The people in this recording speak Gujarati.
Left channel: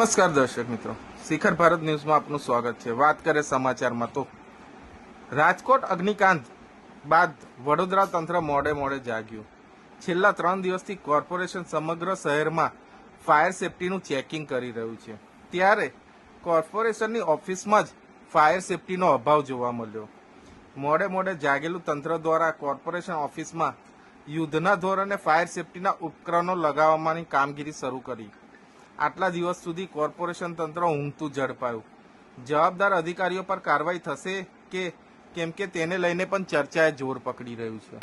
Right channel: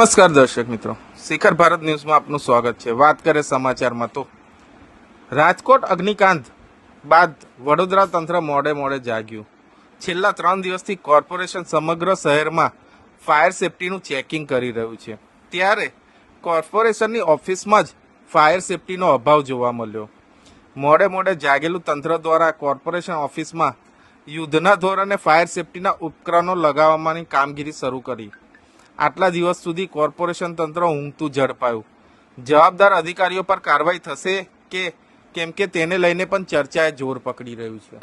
નમસ્કાર દર્શક મિત્રો, શિખર ભારત ન્યૂઝમાં આપનું સ્વાગત છે। વાત કરીએ સમાચારમાં તો રાજકોટ અગ્નિકાંડ બાદ વડોદરા તંત્ર મોડે જાગ્યું। છેલ્લા 3 દિવસથી કોર્પોરેશન સમગ્ર શહેરમાં ફાયર સેફટીનું ચેકિંગ કરી રહ્યું છે, ત્યારે કોર્પોરેશનની ઓફિસમાં જ ફાયર સેફટીનો અભાવ જોવા મળ્યો। મોડે જાગેલું તંત્ર દ્વારા કોર્પોરેશન ઓફિસમાં યુદ્ધના ધોરણે ફાયર સેફટીના ઉપકરણો લગાવવાની કામગીરી શરૂ કરી। આટલા દિવસ સુધી કોર્પોરેશન તંત્ર ઊંઘતું ઝડપાયું। જવાબદાર અધિકારીઓ પર કાર્યવાહી થશે કે કેમ કે તેને લઈને પણ ચર્ચાએ જોર પકડી રહ્યું છે।